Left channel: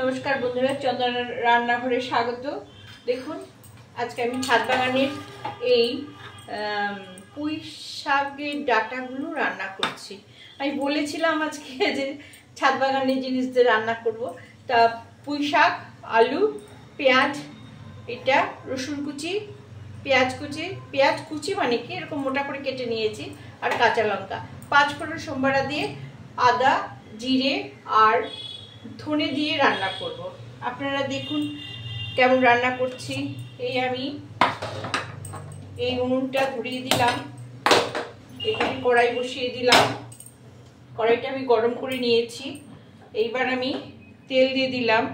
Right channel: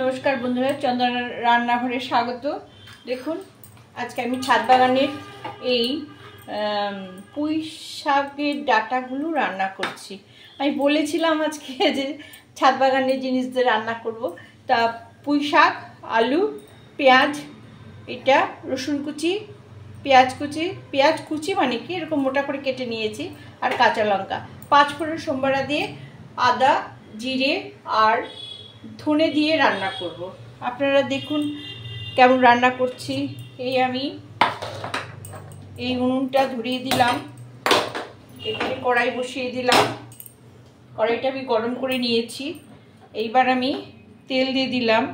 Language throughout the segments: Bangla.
নমস্কার বন্ধুরা, চন্দনার রান্নাঘরে স্বাগত। দেখুন, আজকে আমি ছাদ বাগানের এই পুঁই শাকের ডাঁটাগুলো রান্না করছি। আমি বলেছিলাম আজকে যে ছাদ বাগানের জিনিস দিয়ে রান্না করব। তা পুঁই শাক, আলু, পেঁয়াজ, এটা রসুন কুচি, পেঁয়াজ কুচি মানে কি এরকম মোটা করে কেটে নিয়েছি, আর কাঁচা লঙ্কা, 5 ফোড়ন সোমবারা দিয়ে আদা, জিরে আর ধনে দিয়ে রান্না করব। আপনারা দেখুন কেমন রান্না করছি। আমি এই উনুনটা ধরিয়ে দিলাম, এখানে কড়াই বসিয়ে দিলাম। কড়াইটা আমি গরম করে নিয়েছি। এইবার আমি তেল দিয়ে দিলাম।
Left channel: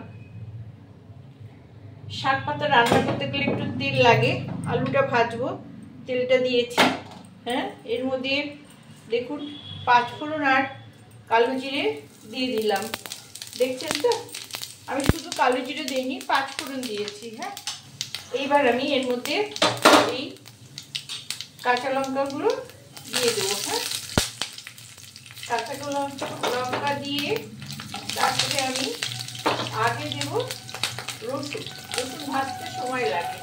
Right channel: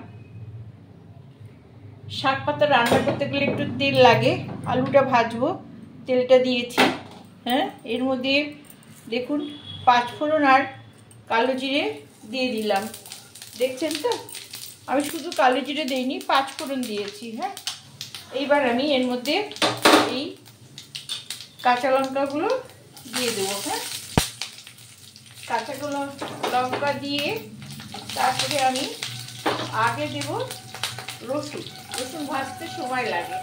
শাক পাতা রান্না করতে গেলে একটু তেল লাগে। আলুটা ভাজবো, তেলটা দিয়েছি। এর মধ্যে দেখুন 5 ফোড়ন আর কালো জিরে দিয়ে দিলাম। দেখছেন তো, আমি শুধু কালো জিরে দিইনি, 5 ফোড়ন দিয়েছি। এইবার আমি এর মধ্যে এই কাঁচা লঙ্কাগুলো দিয়ে দেবো। কাঁচা লঙ্কা দিয়ে তারপরে আমি আগে দেব রসুন। রসুন ভাজতে সময় লাগে।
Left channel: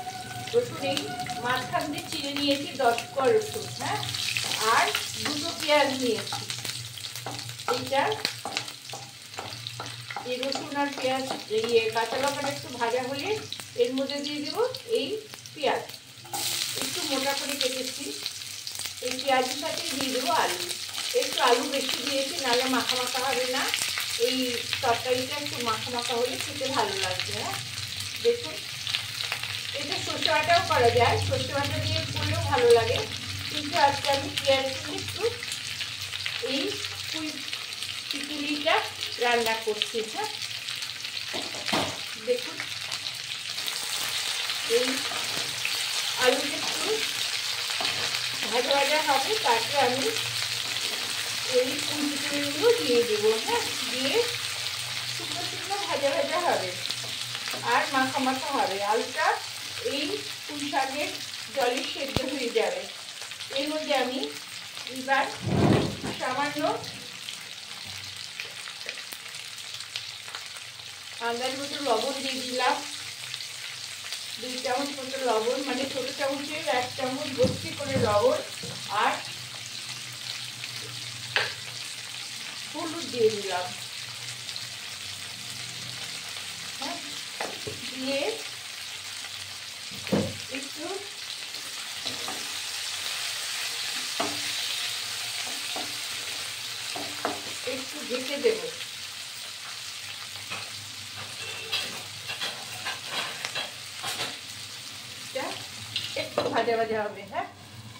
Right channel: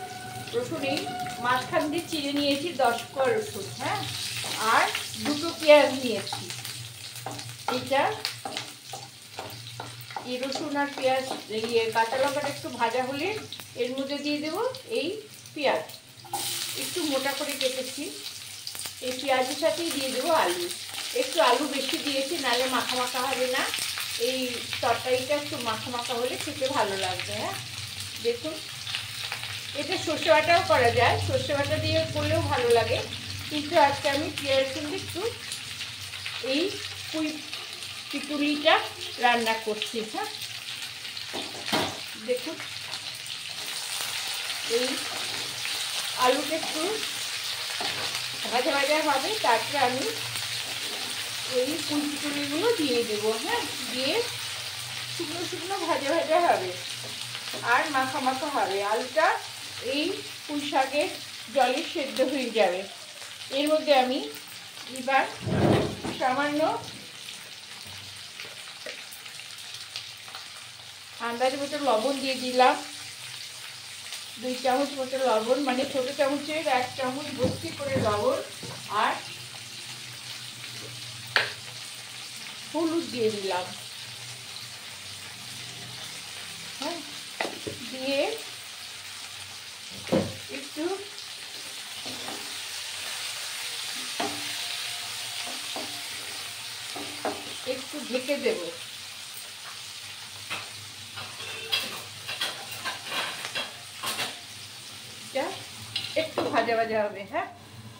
রসুন এই মাঝখান দিয়ে চিড়ে নিয়েছি 10 কোয়া রসুন। আর 2টো পেঁয়াজ নিয়েছি। এইটা এই রসুন আর পেঁয়াজ কাঁচা লঙ্কাটা একটু ভাজা হলে এর মধ্যে দিয়ে দেবো এই পেঁয়াজ, একটু মোটা করে কেটেছি। এই পেঁয়াজের সাথেই দিয়ে দেবো আলু। একটু আলু বেশি দিয়েছি, নাহলে মাখা মাখা হবে না। এই তরকারিটা একটু মাখা মাখা হলে খেতে ভালো লাগবে। দেখুন, এটা সর্ষে বাটাও করা যায়, সর্ষে বাটা দিয়ে করলেও ভালো লাগে, কিন্তু আজকে আমি পেঁয়াজ কিন্তু একটু এই পিকুলিটা রান্না করছি। দেখুন, এই আলুটা একটু ভাজা ভাজা হবে, তারপরে আমি ওই পিকুলিগুলো দিয়ে দেবো। দিয়ে শুকনো শুকনো ভাজা ভাজা হবে আর মাখা মাখা হবে। আলুটা এই পুঁই শাকের জলে সেদ্ধ হয়ে যাবে। এর মধ্যে আমি এবার সামান্য আন্দাজ মতো লবণ দিয়ে দিলাম। 2 চামচ মতো লবণ, মানে ছোট চামচের 1 চামচ ভর্তি করে লবণ। আর হলুদ দিয়ে দিলাম। দিয়ে একটু ঢেকে দেব। একটু ভাজা ভাজা হবে।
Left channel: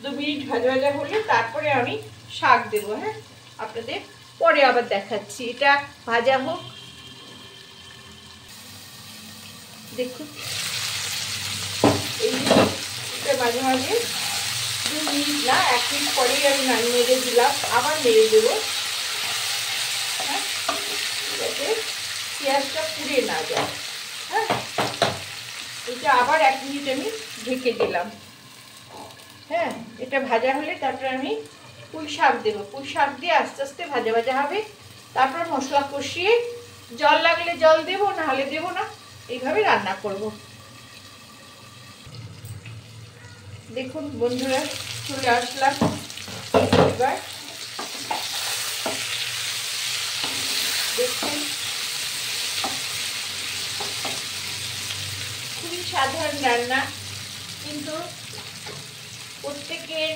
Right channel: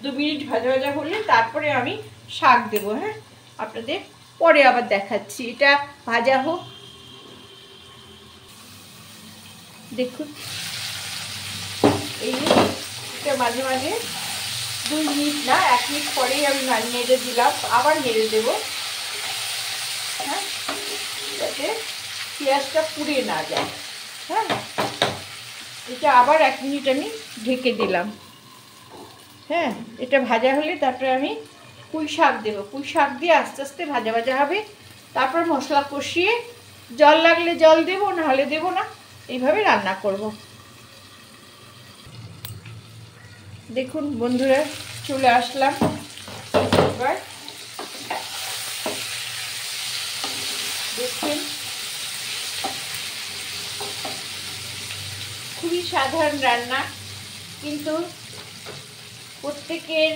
2 মিনিট ভাজা ভাজা হলে তারপরে আমি শাক দেব। আপনাদের পরে আবার দেখাচ্ছি। এটা ভাজা হোক। দেখুন, এই যে মাঝে মাঝে 2 মিনিট না 1 মিনিট পরেই আমি নেড়ে দিলাম, আবার নেড়ে দেবো, যাতে পেঁয়াজটা পুড়ে না যায়। এটা আবার 1 মিনিট আমি ঢেকে দিলাম। এটা ভাজা হলে তারপরে আমি পুঁই শাক দেবো। পুঁই শাক দিয়ে আস্তে আস্তে ভাজা ভাজা হবে। তারপর মশলা কষিয়ে জল লাগলে জল দেবো, নাহলে দেবো না। এইভাবে রান্না করব। দেখুন বন্ধুরা, চলে আসলাম। এবার দেখছেন, খুবই সাধারণ রান্না, কিন্তু প্রত্যেকের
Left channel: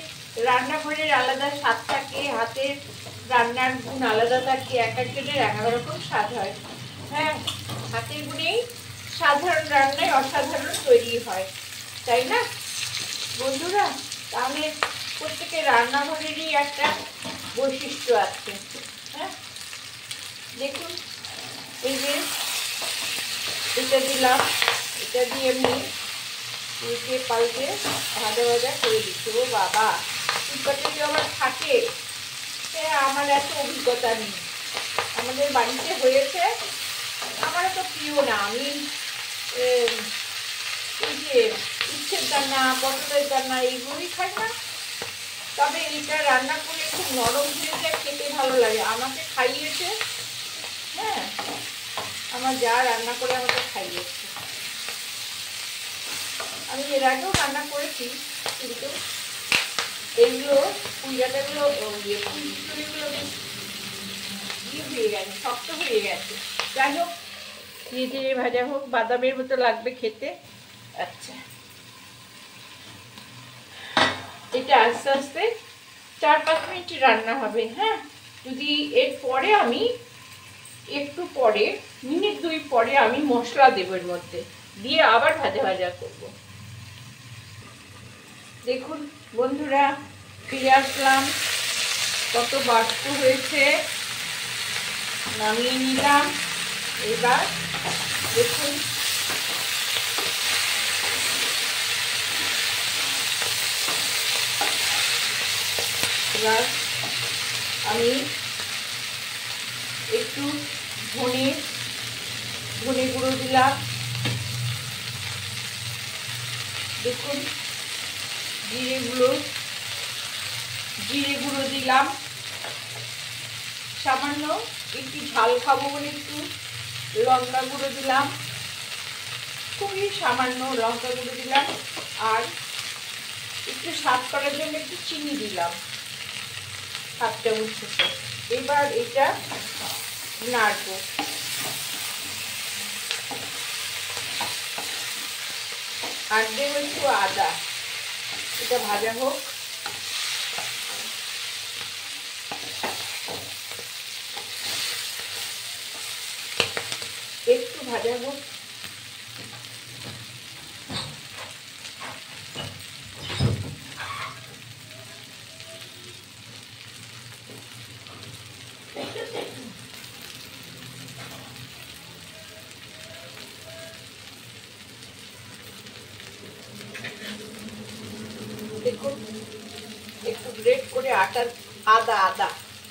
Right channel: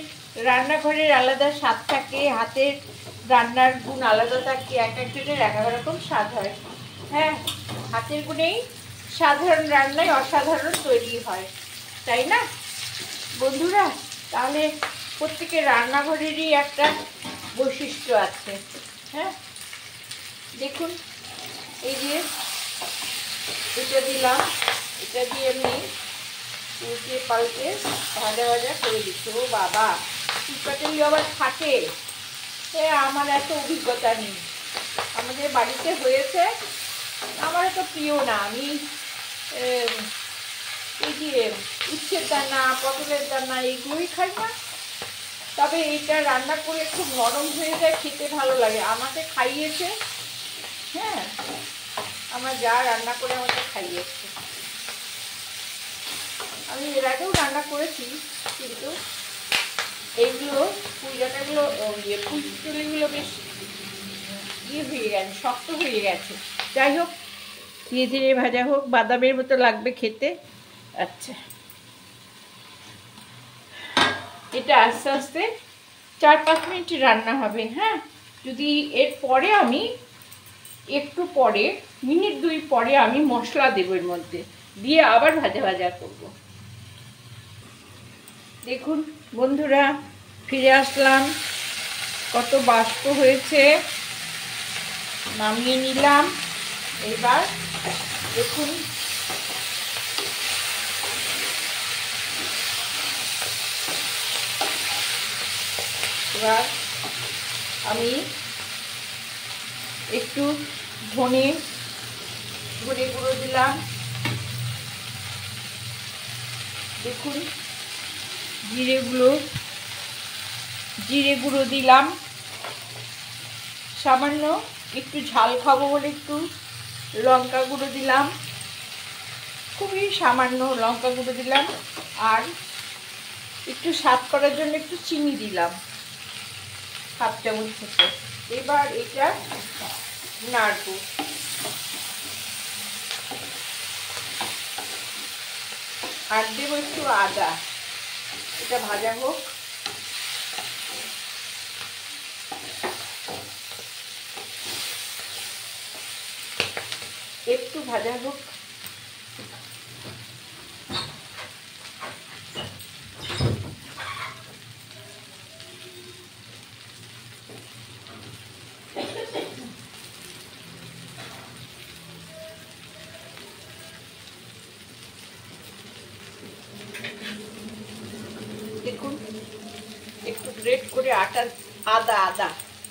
রান্নাঘরের আলাদা স্বাদ থাকে, হাতের রান্নার গুণ আলাদা থাকে। এক একজনের এক এক রকম স্বাদ হয়। হাতের গুণেই সাধারণ রান্নায় অসাধারণ তৈরি হয়, তাই না বন্ধুরা? তাহলে প্রত্যেকের রান্নাঘরেরই একটা বৈশিষ্ট্য আছে। দেখুন, এই যে এটা দিলাম, এটা দিয়ে আমি উল্টে পাল্টে ভাজা ভাজা করে দিচ্ছি। ও বাবা, চিটপাটি আবার থাকে, আমার এত অভিজ্ঞতা নেই। আমাদের বাড়িতে হয়েছে, আমার তো প্রিয় না। আমি এই যে উচ্ছের দানা, পটলের দানা এইগুলোই খাই না। তবে এইটা রান্না করে খুব নরম হয়ে যায়, খেতে ভালো লাগে। আমাকে খাইয়েছে। আমার আমার যা রান্না করে আমাকে খাইয়েছে। আমি এর আগেও রান্না করেছি, কিন্তু এইগুলো পুঁই ডাঁটাগুলো পুঁই চুলিগুলো বেশ হয়ে গেছে, শক্ত হয়ে গেছে। যাই হোক, ধীরে ধীরে ভাজা হোক, বাদামের মতো লাগবে খেতে। আচ্ছা, এটা আস্তে আস্তে 4-5 মিনিট রান্না হবে। হ্যাঁ, যদি এর পরে আমি একটু পরে, মিনিট 2 পরে আমি মশলা দেবো এর মধ্যে, দিয়ে আবার ভাজা ভাজা করব। দেখুন বন্ধুরা, ফিরে আসলাম। কত বাষ্প হয়েছে, নামিয়ে নিলাম। এবার দেখুন এবার আমি একটু ধনে গুঁড়ো দিলাম। দেখুন জিরে গুঁড়ো দিলাম। সামান্য একটু ঝাল খাবো বলে একটু লঙ্কা গুঁড়ো দিলাম, খুবই সামান্য লঙ্কা গুঁড়ো দিলাম। আর একটু স্বাদ করার জন্য একটু চিনি দিলাম, 1/2 চামচ মতো। এবার এটা নাড়বো। আর দেবো একটু আদা, এটা ভাজা হোক। একটু ভাজা হোক। দেখুন একটু গ্রেট করে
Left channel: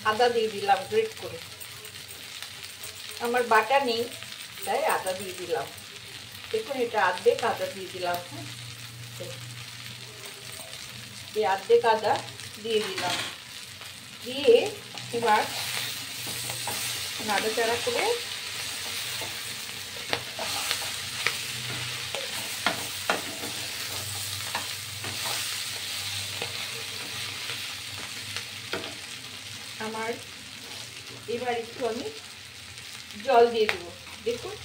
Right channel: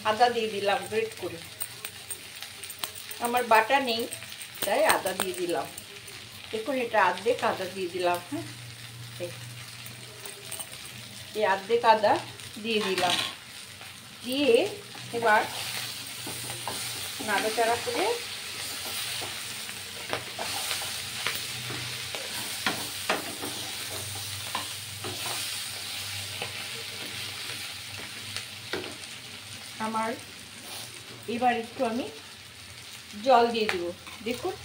আদা দিয়ে দিলাম গ্রেট করে। আমার বাটা নেই তাই আদা দিয়ে দিলাম। দেখুন এটা অর্ধেক আদা দিয়ে দিলাম। হ্যাঁ, এই অর্ধেক আদা দিয়ে দিলাম, দিয়ে এবার নাড়াচাড়া করে আমার এবার একটু আমি জল দিয়ে দেবো। দেখুন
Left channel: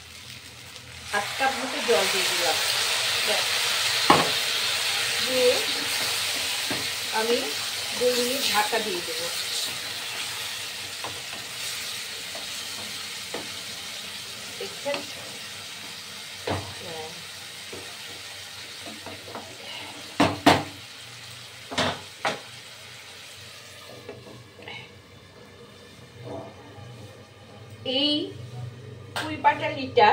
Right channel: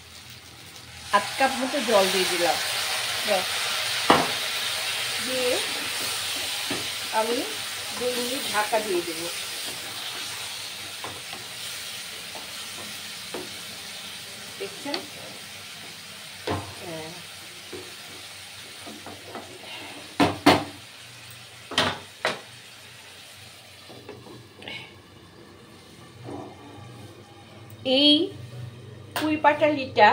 1/2 কাপ মতো জল দিয়ে দিলাম। দিয়ে আমি 2 মিনিট ঢাকা দিয়ে দেবো। দেখছেন, এই পুঁই পাটালিটা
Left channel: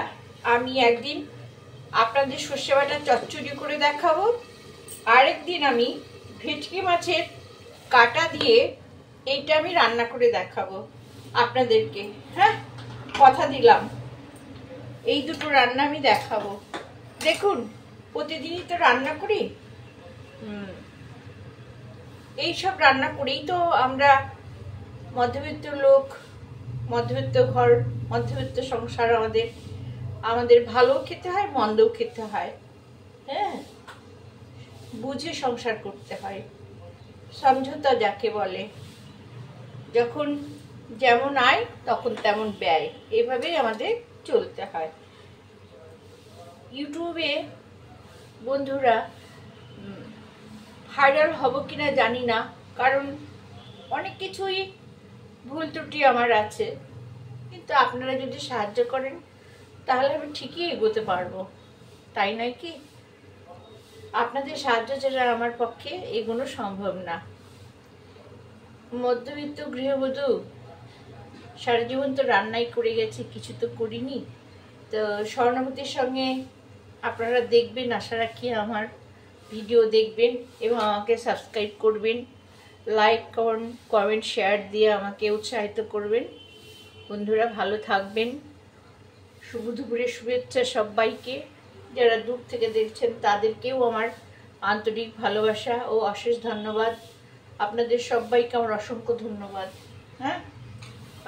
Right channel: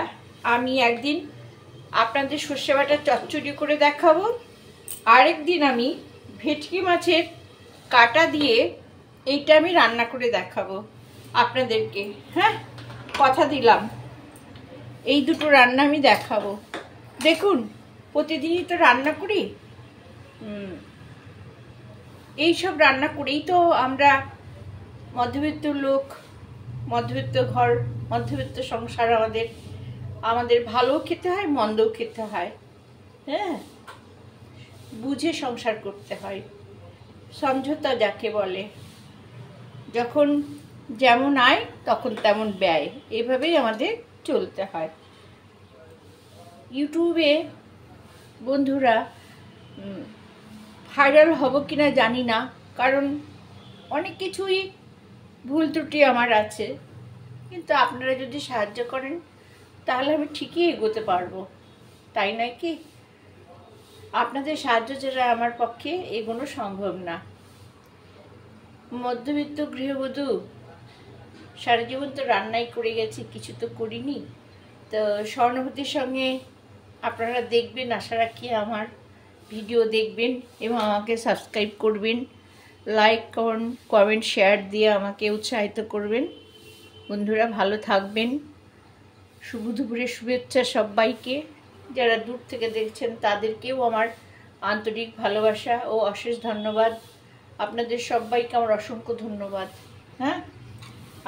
আমি একদিন আপনাদের সর্ষে বাটা চচ্চড়ি করে দেখাবো, আরেকদিন আমি ভেটকি মাছের কাটা দিয়ে এইটা আমি রান্না করে দেখাবো আপনাদেরকে। হ্যাঁ, কথা দিলাম এই দুটো রান্না আমি দেখাবো। দেখুন প্রতিদিনই তো রান্না করি, এইসব রান্না করেই তো আমরা মধ্যবিত্ত লোক, মধ্যবিত্ত ঘর, মধ্যবিত্ত সংসার। আমাদের ভালো খেতে হয়, মন্দও খেতে হয়। হ্যাঁ, বুঝে সংসার করতে হয়, সমঝোতা যাকে বলে। যখন যেমন আয় তখন তেমন ব্যয়, এভাবেই আমাদের চলতে হয়। ইউটিউবে বন্ধুরা ভাইরাল হব কিনা জানি না, কারণ অনেক কিছুই ভুল ত্রুটি আমার আছে, কিন্তু আপনারা যদি সাহায্য করেন তাহলে আমি ঠিকই এগোতে পারবো, তাই নয় কি? আপনাদের সাহায্য ছাড়া আমার পক্ষে এগোনো সম্ভব না। মধ্যবিত্ত গৃহবধূ, সারা জীবন তো রান্নাই করে গেছি, কিছু তো করিনি। তো সহানুভূতির সঙ্গে আপনারা দেখবেন, আশা রাখি আমার ভিডিও দেখবেন এবং আমাকে সাবস্ক্রাইব করবেন, লাইক কমেন্ট শেয়ার দিয়ে আমাকে উৎসাহিত করবেন। বন্ধুরা ভালো থাকবেন। শুভ দুপুরের শুভেচ্ছা সবাইকে। যারা দূর থেকে দেখছেন তাদেরকেও আমার আন্তরিক ভালোবাসা ও অশেষ ধন্যবাদ। আপনাদের সবাইকে আমার অসংখ্য ধন্যবাদ। হ্যাঁ,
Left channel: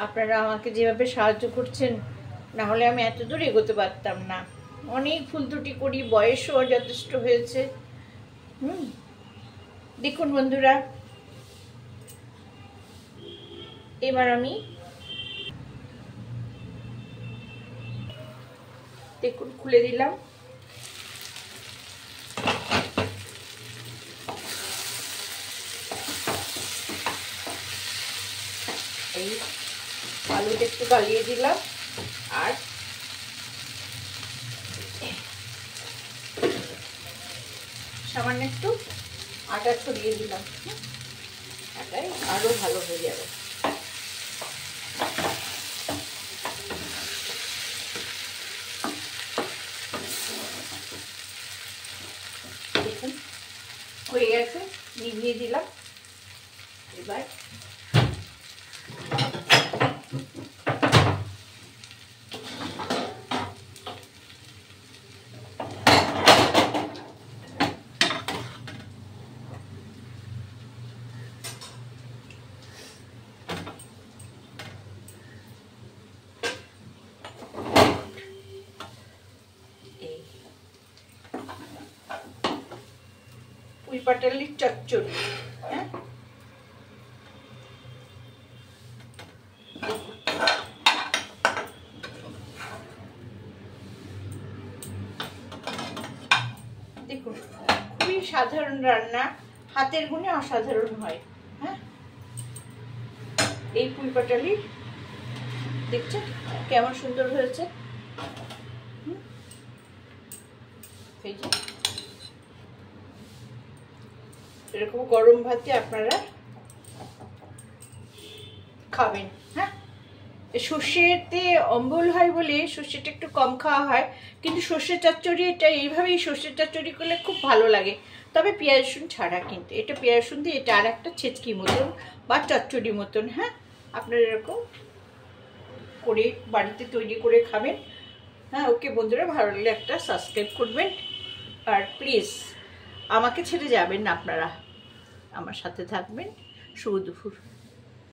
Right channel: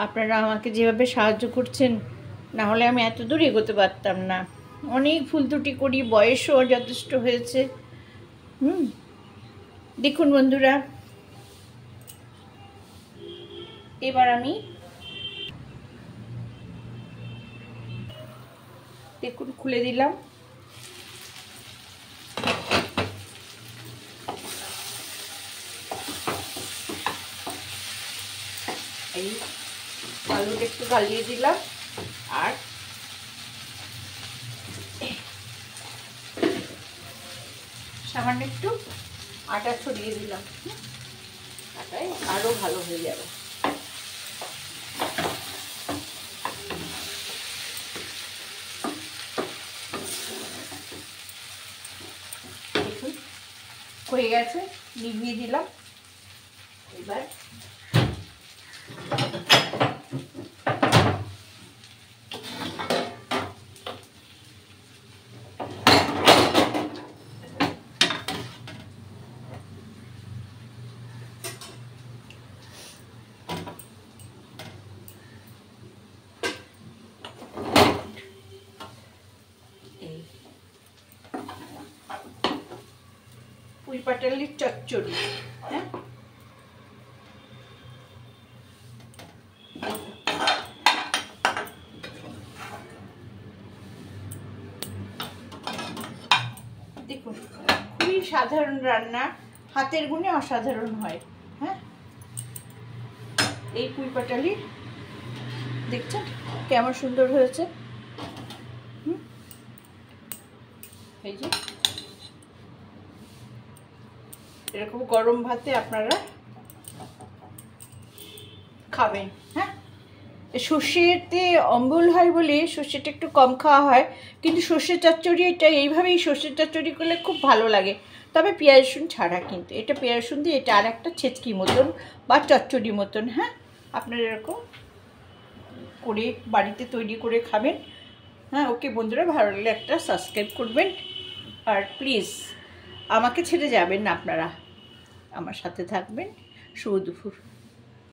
আপনারা আমাকে যেভাবে সাহায্য করছেন না হলে আমি এত দূর এগোতে পারতাম না। অনেক ভুল ত্রুটি করি, বয়সও যথেষ্ট হয়েছে। দেখুন বন্ধুরা, এবার আমি দেখুন খুলে দিলাম। এই আলুটা একটু গালিয়ে দিলাম আর সামান্য একটু আটা ছড়িয়ে দিলাম। আটায় আরো ভালো হয়ে যাবে। দেখুন হয়ে গেছে, নিভিয়ে দিলাম। এবার পুঁই পাটালির চচ্চড়ি। হ্যাঁ, দেখুন খুবই সাধারণ রান্না, হাতের গুণে অসাধারণ হয়। হ্যাঁ, এই পুঁই পাটালি দেখছেন কেমন সুন্দর হয়েছে। এই যে এরকম গরম ভাতে আপনারা খাবেন। হ্যাঁ, সর্ষেতে অম্বল হয় বলে সর্ষেটা একটু কম খাওয়া হয়, কিন্তু সর্ষে চচ্চড়ি এটা এইভাবেই সর্ষের চচ্চড়ি করলে খুব ভালো লাগে, তবে পেঁয়াজ রসুন ছাড়া। কিন্তু এটা পেঁয়াজ রসুন দিয়ে, এটা আর একটা ছেচকি মতন বা চচ্চড়ি মতন। হ্যাঁ, আপনারা এরকম করে বাড়িতে তৈরি করে খাবেন। হ্যাঁ, ওকে বন্ধুরা, ভালো লাগলে একটা সাবস্ক্রাইব করবেন, আর প্লিজ আমাকে ছেড়ে যাবেন না, আপনারা আমার সাথে থাকবেন। শুভ দুপুর।